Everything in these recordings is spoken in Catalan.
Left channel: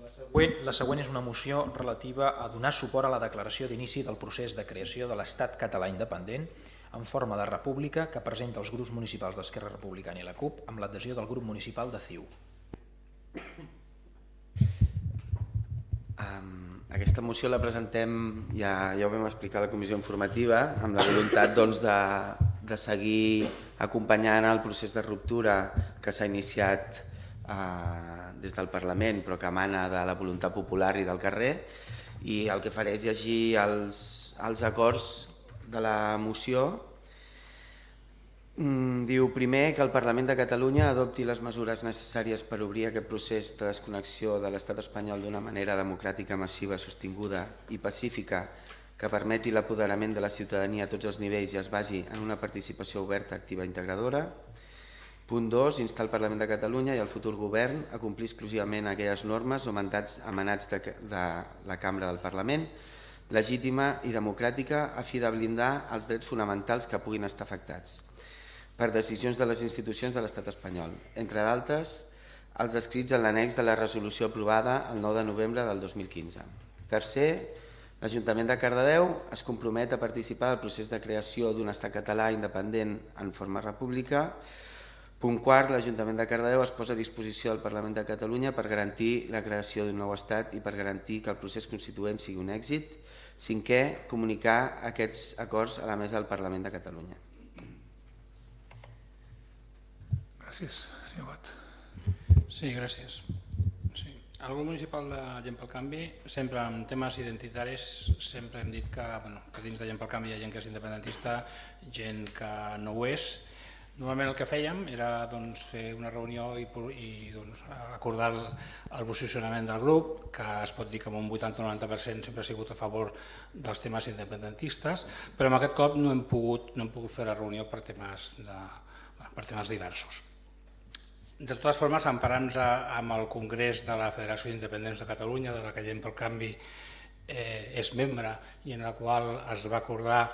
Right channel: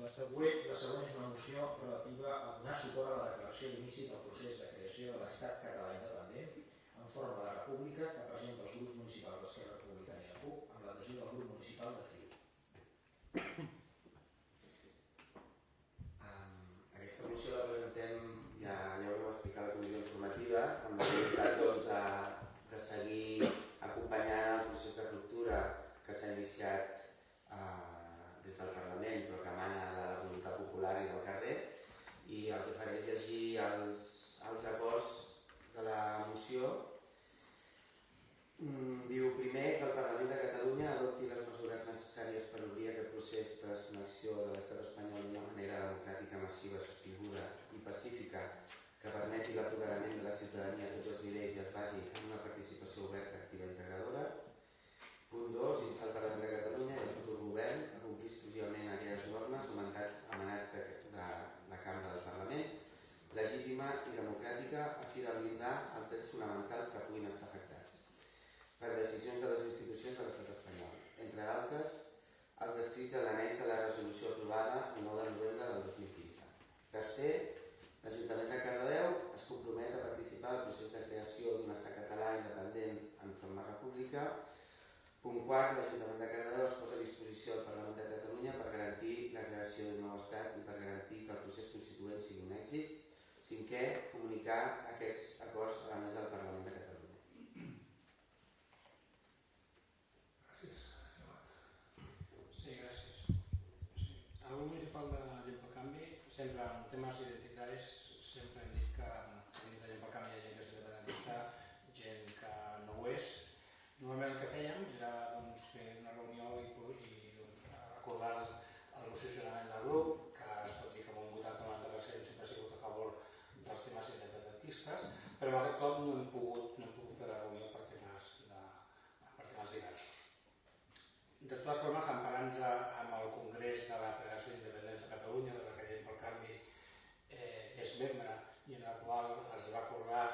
La següent és una moció relativa a donar suport a la declaració d'inici del procés de creació de l'Estat català independent en forma de república que presenta els grups municipals d'Esquerra Republicana i la CUP amb l'adhesió del grup municipal de CiU. Aquesta moció la presentem, ja ho vam explicar a la comissió informativa, amb la voluntat de seguir acompanyant el procés de ruptura que s'ha iniciat des del Parlament, però que emana de la voluntat popular i del carrer, i el que faré és llegir els acords de la moció. Diu primer que el Parlament de Catalunya adopti les mesures necessàries per obrir aquest procés de desconnexió de l'estat espanyol d'una manera democràtica, massiva, sostinguda i pacífica que permeti l'apoderament de la ciutadania a tots els nivells i es basi en una participació oberta, activa i integradora. Punt 2. Instar el Parlament de Catalunya i el futur govern a complir exclusivament aquelles normes o mandats emanats de la Cambra del Parlament, legítima i democràtica a fi de blindar els drets fonamentals que puguin estar afectats per decisions de les institucions de l'estat espanyol, entre d'altres els descrits en l'annex de la resolució aprovada el 9 de novembre del 2015. Tercer, l'Ajuntament de Cardedeu es compromet a participar del procés de creació d'un estat català independent en forma república. Punt quart, l'Ajuntament de Cardedeu es posa a disposició del Parlament de Catalunya per garantir la creació d'un nou estat i per garantir que el procés constituent sigui un èxit. Cinquè, comunicar aquests acords a la mesa del Parlament de Catalunya. Gràcies, senyor Bat. Sí, gràcies. El grup municipal de Gent pel Canvi, sempre en temes identitaris, sempre hem dit que dins de Gent pel Canvi hi ha gent que és independentista, gent que no ho és. Normalment el que fèiem era fer una reunió i acordar el posicionament del grup, que es pot dir que amb un 80-90% sempre ha sigut a favor dels temes independentistes, però en aquest cop no hem pogut fer la reunió per temes diversos. De totes formes, emparant-nos amb el Congrés de la Federació d'Independents de Catalunya, de la que Gent pel Canvi és membre i en la qual es va acordar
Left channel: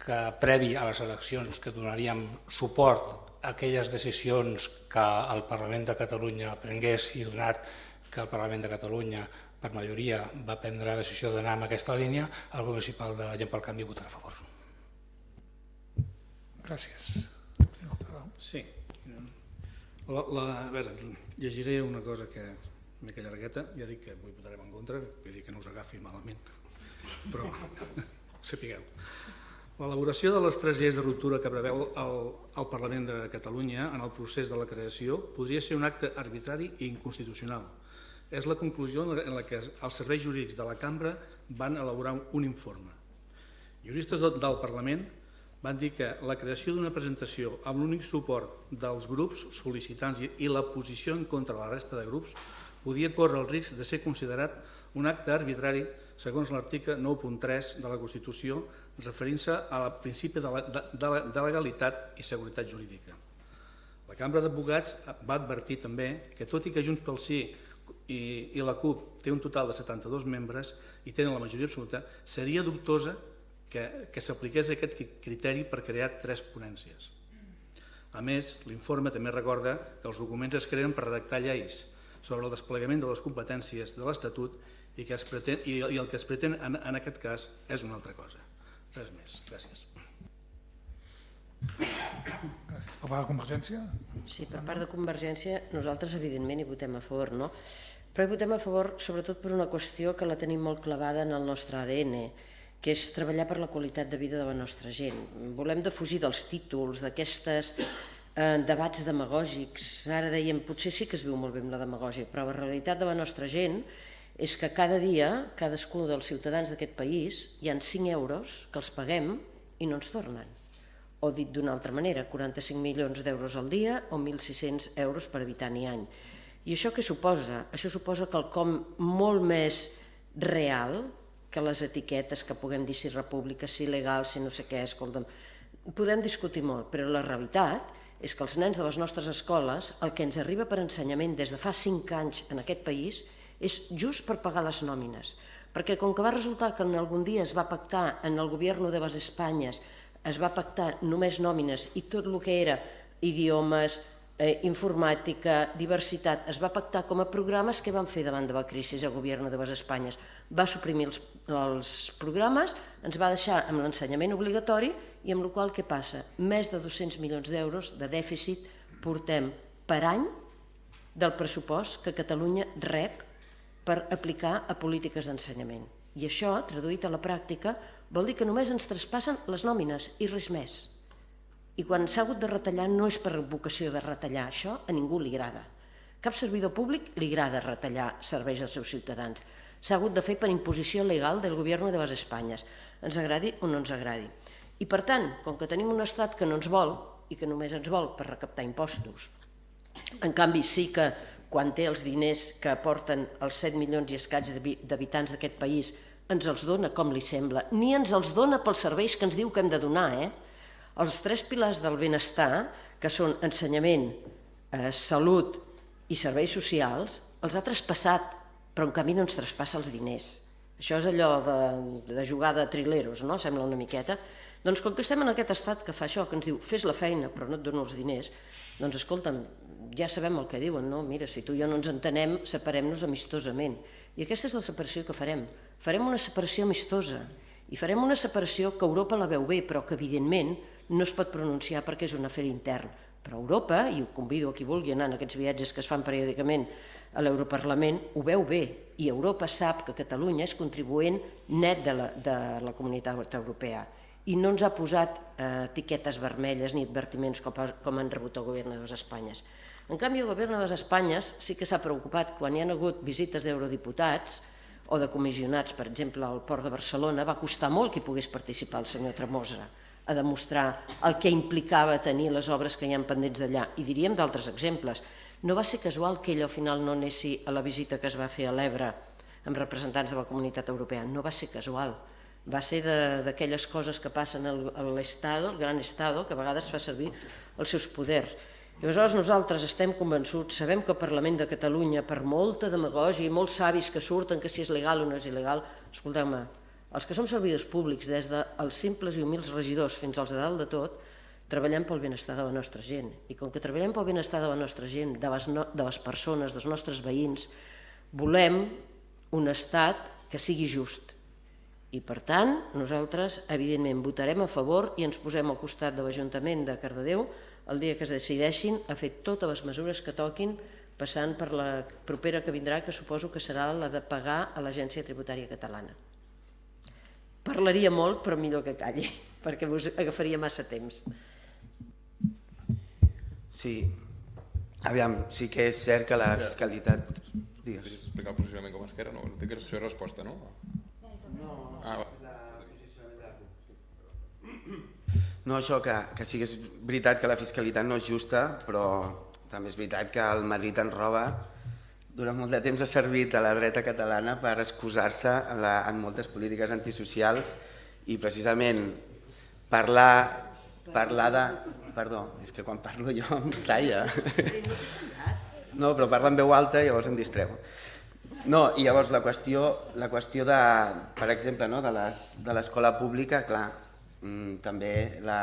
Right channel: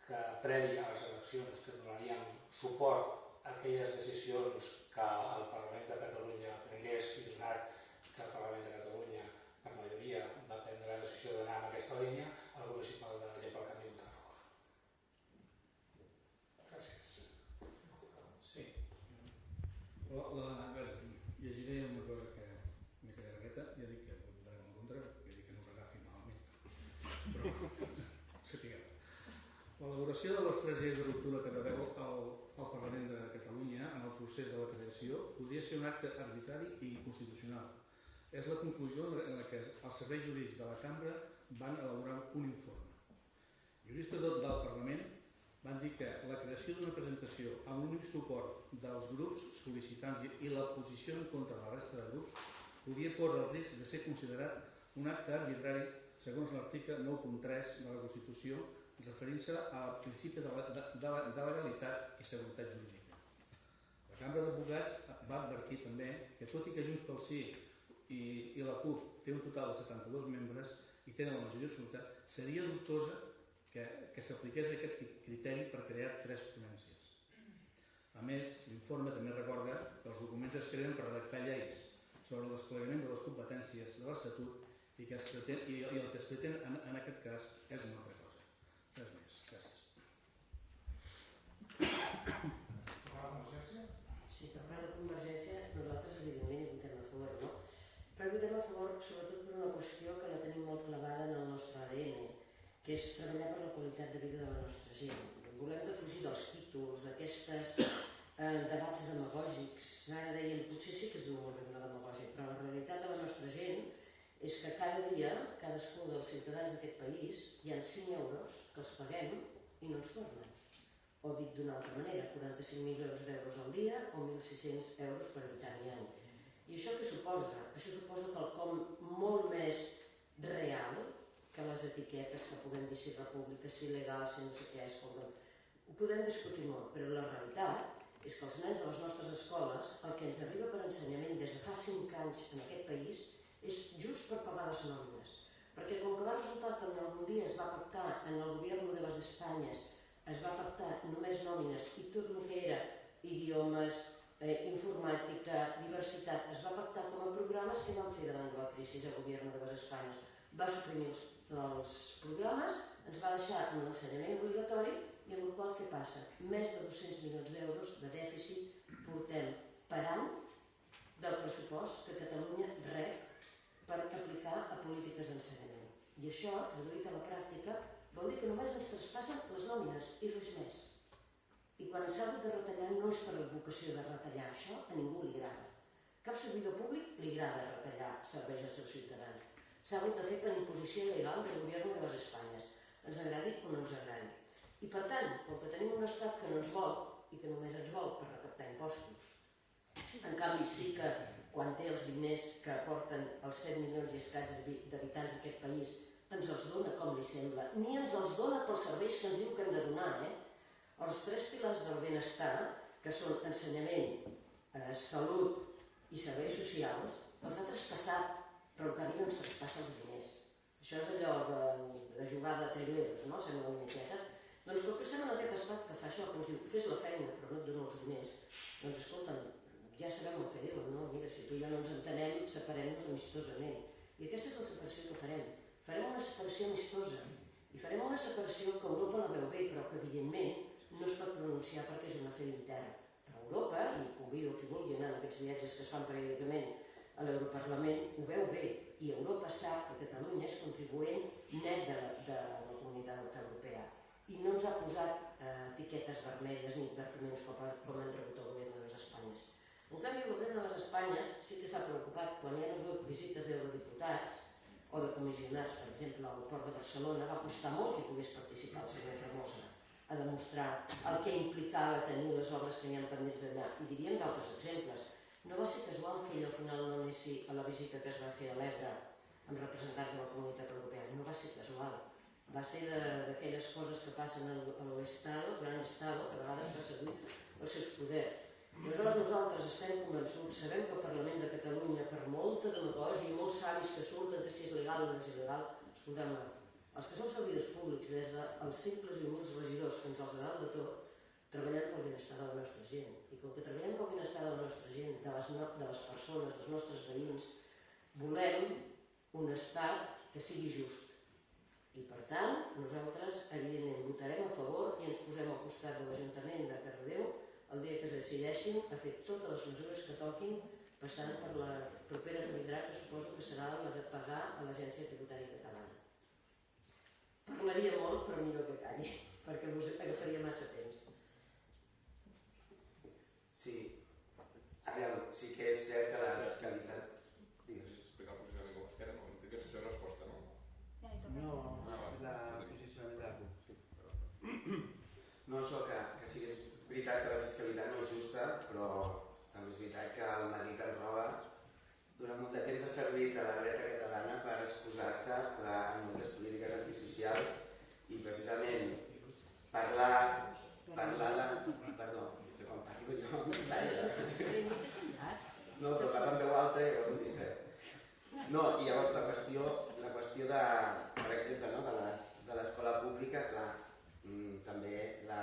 que previ a les eleccions que donaríem suport a aquelles decisions que el Parlament de Catalunya prengués i donat que el Parlament de Catalunya per majoria va prendre la decisió d'anar en aquesta línia, el grup municipal de Gent pel Canvi votarà a favor. Gràcies. Sí. A veure, llegiré una cosa que és mica llargueta, ja dic que avui votarem en contra, vull dir que no us agafi malament, però sapigueu. L'elaboració de les 3 lleis de ruptura que preveu el Parlament de Catalunya en el procés de la creació podria ser un acte arbitrari i inconstitucional. És la conclusió en la que els serveis jurídics de la Cambra van elaborar un informe. Juristes del Parlament van dir que la creació d'una presentació amb l'únic suport dels grups sol·licitants i la posició en contra de la resta de grups podia córrer el risc de ser considerat un acte arbitrari segons l'article 9.3 de la Constitució referint-se al principi de legalitat i seguretat jurídica. La Cambra d'Advocats va advertir també que tot i que Junts pel Sí i la CUP té un total de 72 membres i tenen la majoria absoluta, seria dubtosa que s'apliqués aquest criteri per crear 3 ponències. A més, l'informe també recorda que els documents es creen per redactar lleis sobre el desplegament de les competències de l'Estatut i el que es pretén en aquest cas és una altra cosa. Res més. Gràcies. Per part de Convergència? Sí, per part de Convergència nosaltres evidentment hi votem a favor, no? Però hi votem a favor sobretot per una qüestió que la tenim molt clavada en el nostre ADN, que és treballar per la qualitat de vida de la nostra gent. Volem defugir dels títols, d'aquestes debats demagògics. Ara dèiem, potser sí que es viu molt bé amb la demagògia, però la realitat de la nostra gent és que cada dia, cadascun dels ciutadans d'aquest país, hi ha 5 euros que els paguem i no ens tornen. O dit d'una altra manera, 45 milions d'euros al dia o 1.600 euros per habitant i any. I això què suposa? Això suposa quelcom molt més real que les etiquetes que puguem dir si república, si legal, si no sé què, escolta'm. Podem discutir molt, però la realitat és que els nens de les nostres escoles, el que ens arriba per ensenyament des de fa 5 anys en aquest país, és just per pagar les nòmines. Perquè com que va resultar que algun dia es va pactar en el govern de les Espanyes, es va pactar només nòmines i tot el que era idiomes, informàtica, diversitat, es va pactar com a programes. Què van fer davant de la crisi el govern de les Espanyes? Va suprimir els programes, ens va deixar amb l'ensenyament obligatori i amb la qual què passa? Més de 200 milions d'euros de dèficit portem per any del pressupost que Catalunya rep per aplicar a polítiques d'ensenyament. I això, traduït a la pràctica, vol dir que només ens traspassen les nòmines i res més. I quan s'ha hagut de retallar no és per vocació de retallar, això a ningú li agrada. Cap servidor públic li agrada retallar serveis als seus ciutadans. S'ha hagut de fer per imposició legal del govern de les Espanyes, ens agradi o no ens agradi. I per tant, com que tenim un estat que no ens vol i que només ens vol per recaptar impostos, en canvi sí que quan té els diners que aporten els 7 milions i escaig d'habitants d'aquest país ens els dona com li sembla, ni ens els dona pels serveis que ens diu que hem de donar. Els 3 pilars del benestar, que són ensenyament, salut i serveis socials, els ha traspassat, però en canvi no ens traspassa els diners. Això és allò de jugar de trileros, no? Sembla una miqueta. Doncs com que estem en aquest estat que fa això, que ens diu fes la feina però no et dono els diners, doncs escolta'm, ja sabem el que diuen, no? Mira, si tu i jo no ens entenem, separem-nos amistosament. I aquesta és la separació que farem. Farem una separació amistosa i farem una separació que Europa la veu bé, però que evidentment no es pot pronunciar perquè és un afer intern. Però Europa, i ho convido a qui vulgui anar en aquests viatges que es fan periòdicament a l'Europarlament, ho veu bé, i Europa sap que Catalunya és contribuent net de la comunitat europea i no ens ha posat etiquetes vermelles ni advertiments com han rebut el govern de les Espanyes. En canvi, el govern de les Espanyes sí que s'ha preocupat quan hi ha hagut visites d'eurodiputats o de comissionats, per exemple, al Port de Barcelona, va costar molt que hi pogués participar el senyor Tremosa a demostrar el que implicava tenir les obres que hi ha pendents d'allà. I diríem d'altres exemples. No va ser casual que ell al final no anessi a la visita que es va fer a l'Ebre amb representants de la Comunitat Europea. No va ser casual. Va ser d'aquelles coses que passen a l'Estado, el gran Estado, que a vegades fa servir els seus poders. I aleshores nosaltres estem convençuts, sabem que el Parlament de Catalunya, per molta demagògia i molts savis que surten que si és legal o no és il·legal, escolteu-me, els que som servidors públics, des dels simples i humils regidors fins als de dalt de tot, treballem pel benestar de la nostra gent. I com que treballem pel benestar de la nostra gent, de les persones, dels nostres veïns, volem un estat que sigui just. I per tant, nosaltres evidentment votarem a favor i ens posem al costat de l'Ajuntament de Cardedeu el dia que es decideixin a fer totes les mesures que toquin, passant per la propera que vindrà, que suposo que serà la de pagar a l'Agència Tributària Catalana. Parlaria molt, però millor que calli, perquè us agafaria massa temps. Sí, aviam, sí que és cert que la fiscalitat... Digues. Podries explicar el posicionament com a Esquerra? No, té que ser resposta, no? No, va. el posicionament de la CUP. No, això, que sí que és veritat que la fiscalitat no és justa, però també és veritat que el Madrid ens roba. Durant molt de temps ha servit a la dreta catalana per excusar-se en moltes polítiques antisocials i precisament parlar de... Perdó, és que quan parlo jo em talla. No, però parla en veu alta i llavors em distreu. No, i llavors la qüestió de, per exemple, de l'escola pública, clar, també la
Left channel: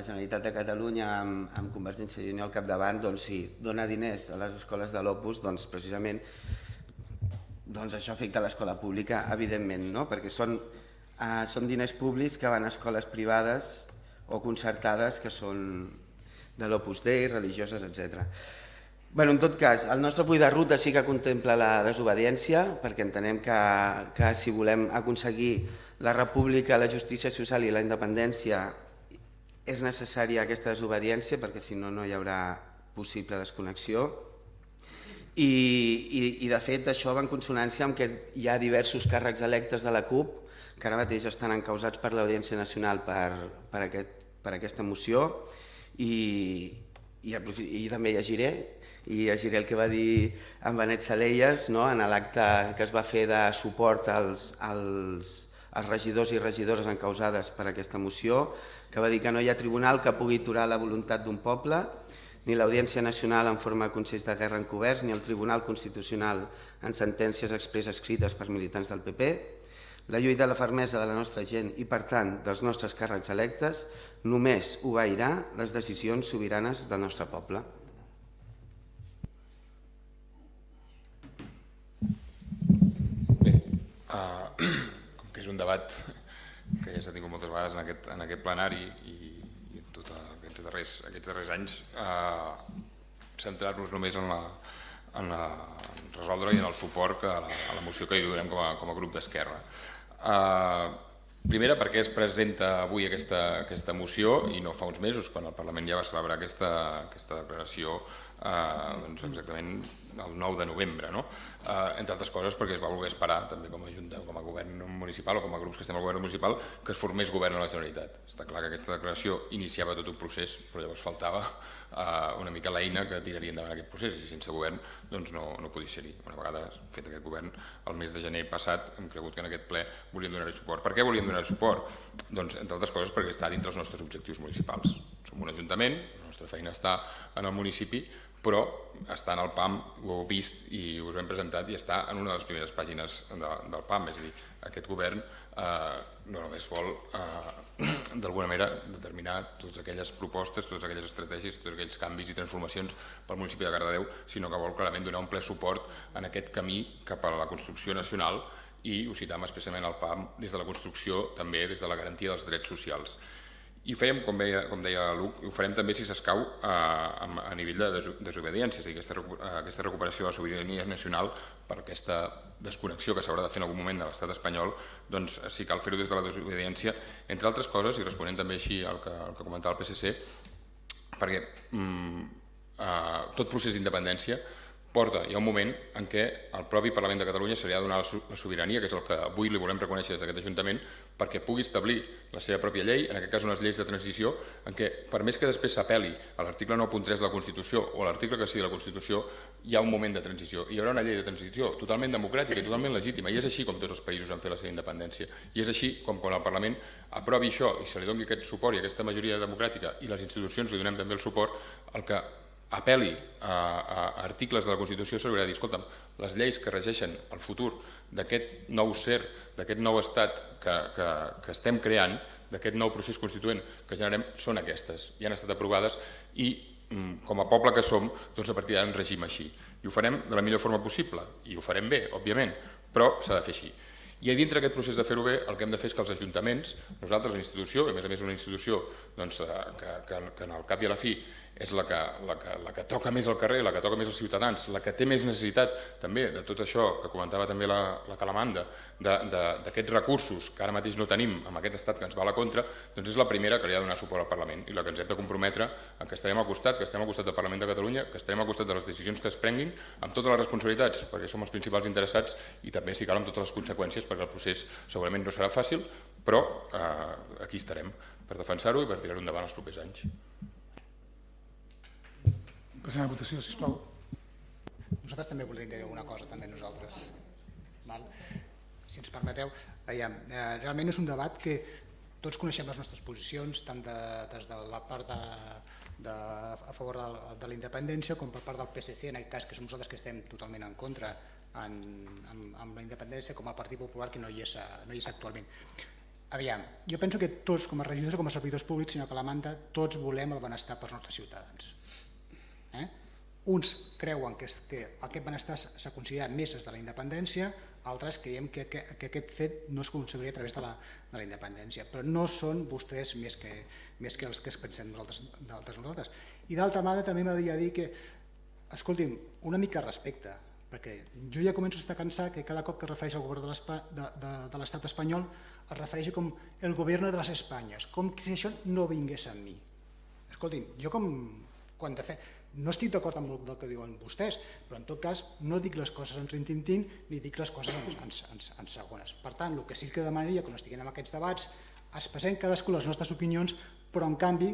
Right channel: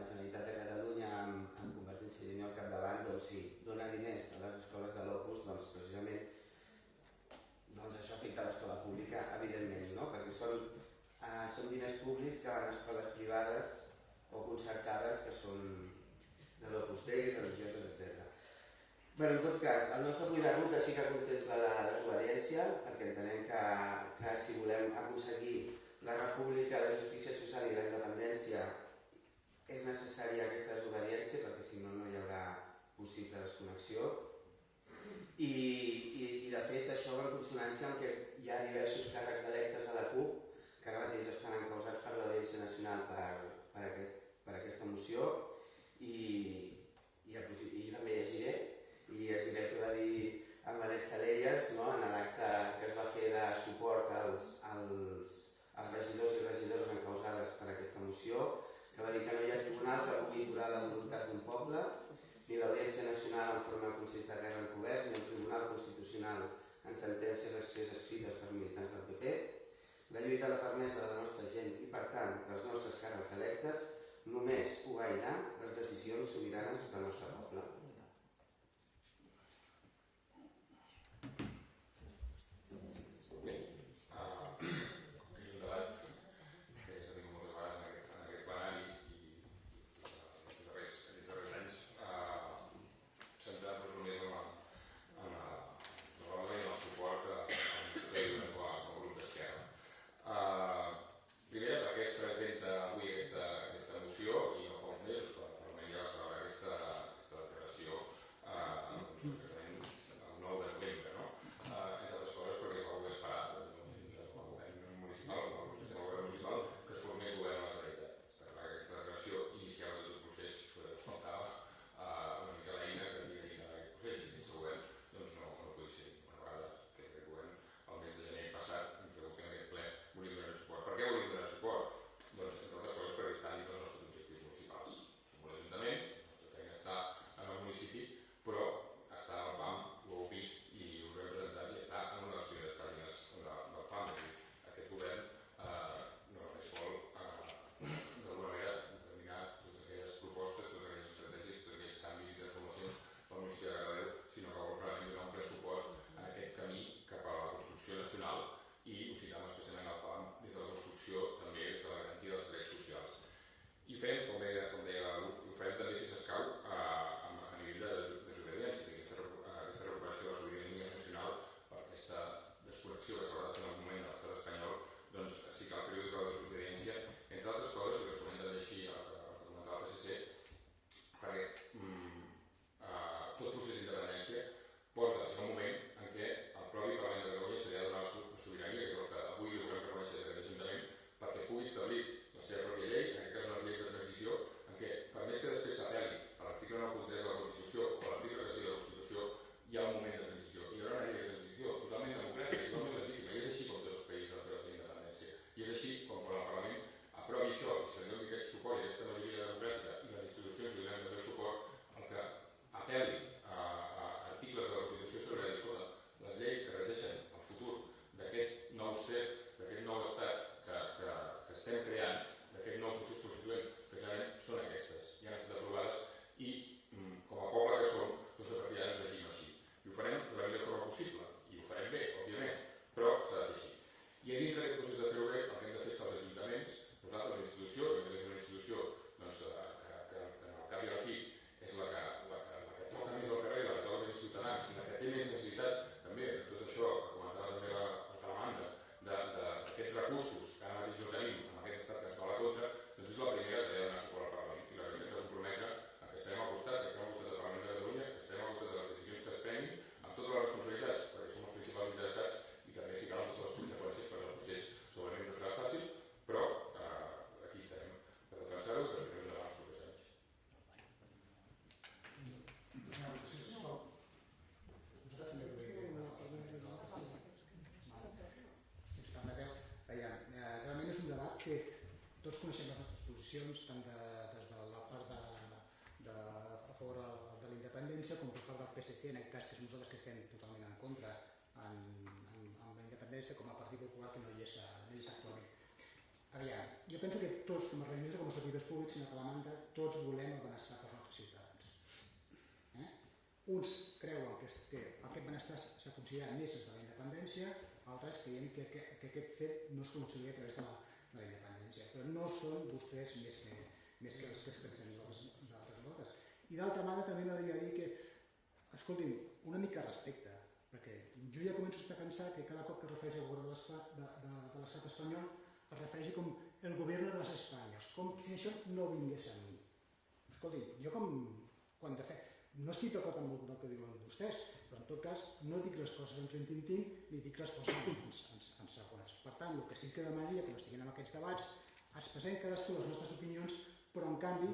Generalitat de Catalunya amb Convergència i Unió al capdavant, doncs sí, dona diners a les escoles de l'Opus, doncs precisament això afecta l'escola pública, evidentment, no? Perquè són diners públics que van a escoles privades o concertades que són de l'Opus Dei, religioses, etc. Bé, en tot cas, el nostre full de ruta sí que contempla la desobediència, perquè entenem que si volem aconseguir la república, la justícia social i la independència és necessària aquesta desobediència perquè si no, no hi haurà possible desconnexió i de fet això va en consonància amb que hi ha diversos càrrecs electes de la CUP que ara mateix estan encausats per l'Audiència Nacional per aquesta moció i també llegiré el que va dir en Benet Salellas en l'acte que es va fer de suport als regidors i regidores encausades per aquesta moció, que va dir que no hi ha tribunal que pugui aturar la voluntat d'un poble, ni l'Audiència Nacional en forma de consells de guerra encoberts, ni el Tribunal Constitucional en sentències expresses escrites per militants del PP. La lluita i la fermesa de la nostra gent i, per tant, dels nostres càrrecs electes només obeirà les decisions sobiranes del nostre poble. és un debat que ja s'ha tingut moltes vegades en aquest plenari i tots aquests darrers anys, centrar-nos només en resoldre i en el suport a la moció que hi donem com a grup d'Esquerra. Primera, perquè es presenta avui aquesta moció i no fa uns mesos, quan el Parlament ja va celebrar aquesta declaració exactament el 9 de novembre. Entre altres coses perquè es va voler esperar també com a govern municipal o com a grups que estem al govern municipal que es formés govern a la Generalitat. Està clar que aquesta declaració iniciava tot un procés, però llavors faltava una mica l'eina que tiraria endavant aquest procés i sense govern no podia ser-hi. Una vegada fet aquest govern, el mes de gener passat hem cregut que en aquest ple volíem donar-hi suport. Per què volíem donar suport? Doncs, entre altres coses, perquè està dintre els nostres objectius municipals. Som un ajuntament, la nostra feina està en el municipi, però està en el PAM, ho heu vist i us ho hem presentat i està en una de les primeres pàgines del PAM. És a dir, aquest govern no només vol d'alguna manera determinar totes aquelles propostes, totes aquelles estratègies, tots aquells canvis i transformacions pel municipi de Cardedeu, sinó que vol clarament donar un ple suport en aquest camí cap a la construcció nacional i ho citam especialment al PAM des de la construcció, també des de la garantia dels drets socials. I ho fèiem, com deia Luc, ho farem també, si s'escau, a nivell de desobediència, és a dir, aquesta recuperació de la sobirania nacional per aquesta desconnexió que s'haurà de fer en algun moment de l'estat espanyol, doncs sí cal fer-ho des de la desobediència, entre altres coses, i responent també així al que comentava el PSC, perquè tot procés d'independència hi ha un moment en què el propi Parlament de Catalunya se li ha de donar la sobirania, que és el que avui li volem reconèixer des d'aquest Ajuntament, perquè pugui establir la seva pròpia llei, en aquest cas unes lleis de transició, en què per més que després s'apel·li a l'article 9.3 de la Constitució o a l'article que sigui de la Constitució, hi ha un moment de transició. Hi haurà una llei de transició totalment democràtica i totalment legítima, i és així com tots els països han fet la seva independència. I és així com quan el Parlament aprovi això i se li doni aquest suport i aquesta majoria democràtica i les institucions li donem també el suport, el que apel·li a articles de la Constitució s'haurà de dir, escolta'm, les lleis que regeixen el futur d'aquest nou ser, d'aquest nou estat que estem creant, d'aquest nou procés constituent que generem, són aquestes, i han estat aprovades i com a poble que som, doncs a partir d'ara en regim així. I ho farem de la millor forma possible, i ho farem bé, òbviament, però s'ha de fer així. I dintre d'aquest procés de fer-ho bé, el que hem de fer és que els ajuntaments, nosaltres, la institució, i a més una institució que en el cap i a la fi és la que toca més al carrer, la que toca més als ciutadans, la que té més necessitat també de tot això que comentava també la Calamanda, d'aquests recursos que ara mateix no tenim amb aquest estat que ens va a la contra, doncs és la primera que li ha de donar suport al Parlament i la que ens hem de comprometre a que estarem al costat, del Parlament de Catalunya, que estarem al costat de les decisions que es prenguin amb totes les responsabilitats, perquè som els principals interessats i també, si cal, amb totes les conseqüències, perquè el procés segurament no serà fàcil, però aquí estarem per defensar-ho i per tirar-ho endavant els propers anys. Passem a la votació, sisplau. Nosaltres també volem dir una cosa, també nosaltres. Si ens permeteu, realment és un debat que tots coneixem les nostres posicions, tant des de la part a favor de la independència com per part del PSC, en aquest cas que som nosaltres que estem totalment en contra amb la independència, com a Partit Popular que no hi és actualment. Aviam, jo penso que tots, com a regidors o com a servidors públics, senyor Calamanda, tots volem el benestar pels nostres ciutadans. Uns creuen que aquest benestar s'ha considerat més des de la independència, altres creiem que aquest fet no es consideraria a través de la independència, però no són vostès més que els que es pensem nosaltres. I d'altra banda també m'agradaria dir que, escolti'm, una mica de respecte, perquè jo ja començo a estar cansat que cada cop que es refereix al govern de l'estat espanyol es refereixi com el govern de les Espanyes, com si això no vingués amb mi. Escolti'm, jo quan de fet no estic d'acord amb el que diuen vostès, però en tot cas no dic les coses en rintintín ni dic les coses en segones. Per tant, el que sí que demanaria, quan estiguin en aquests debats, expressem cadascú les nostres opinions, però en canvi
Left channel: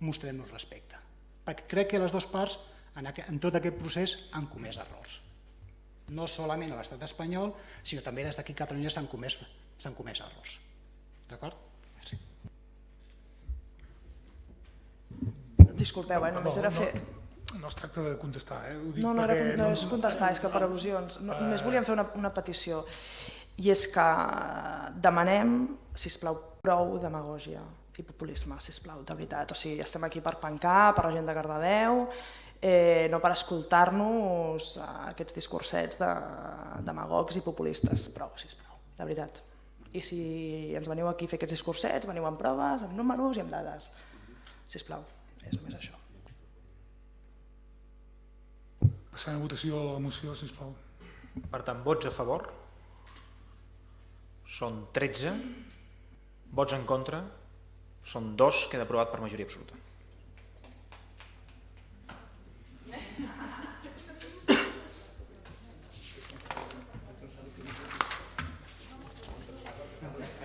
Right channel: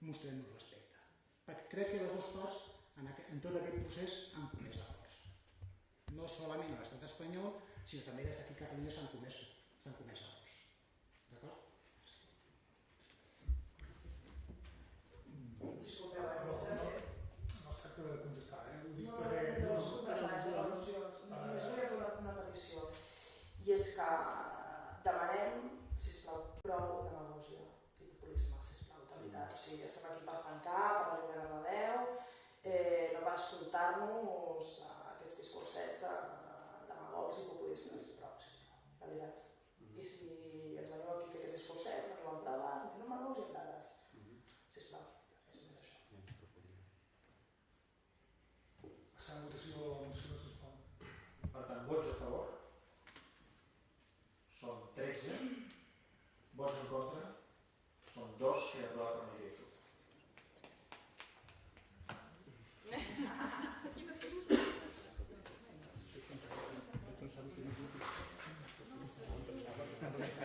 mostrem-nos respecte. Perquè crec que les dues parts en tot aquest procés han comès errors. No solament a l'estat espanyol, sinó també des d'aquí a Catalunya s'han comès errors. D'acord? Merci. Disculpeu, només era fer... No es tracta de contestar, No és contestar, és que per al·lusions. Només volíem fer una petició. I és que demanem, sisplau, prou demagògia i populisme, sisplau, de veritat. O sigui, estem aquí per pencar, per la gent de Cardedeu, no per escoltar-nos aquests discursets de demagogs i populistes. Prou, sisplau, de veritat. I si ens veniu aquí a fer aquests discursets, veniu amb proves, amb números i amb dades. Sisplau, és només això. Passant a votació la moció, sisplau. Per tant, vots a favor són 13, vots en contra són 2, queda aprovat per majoria absoluta.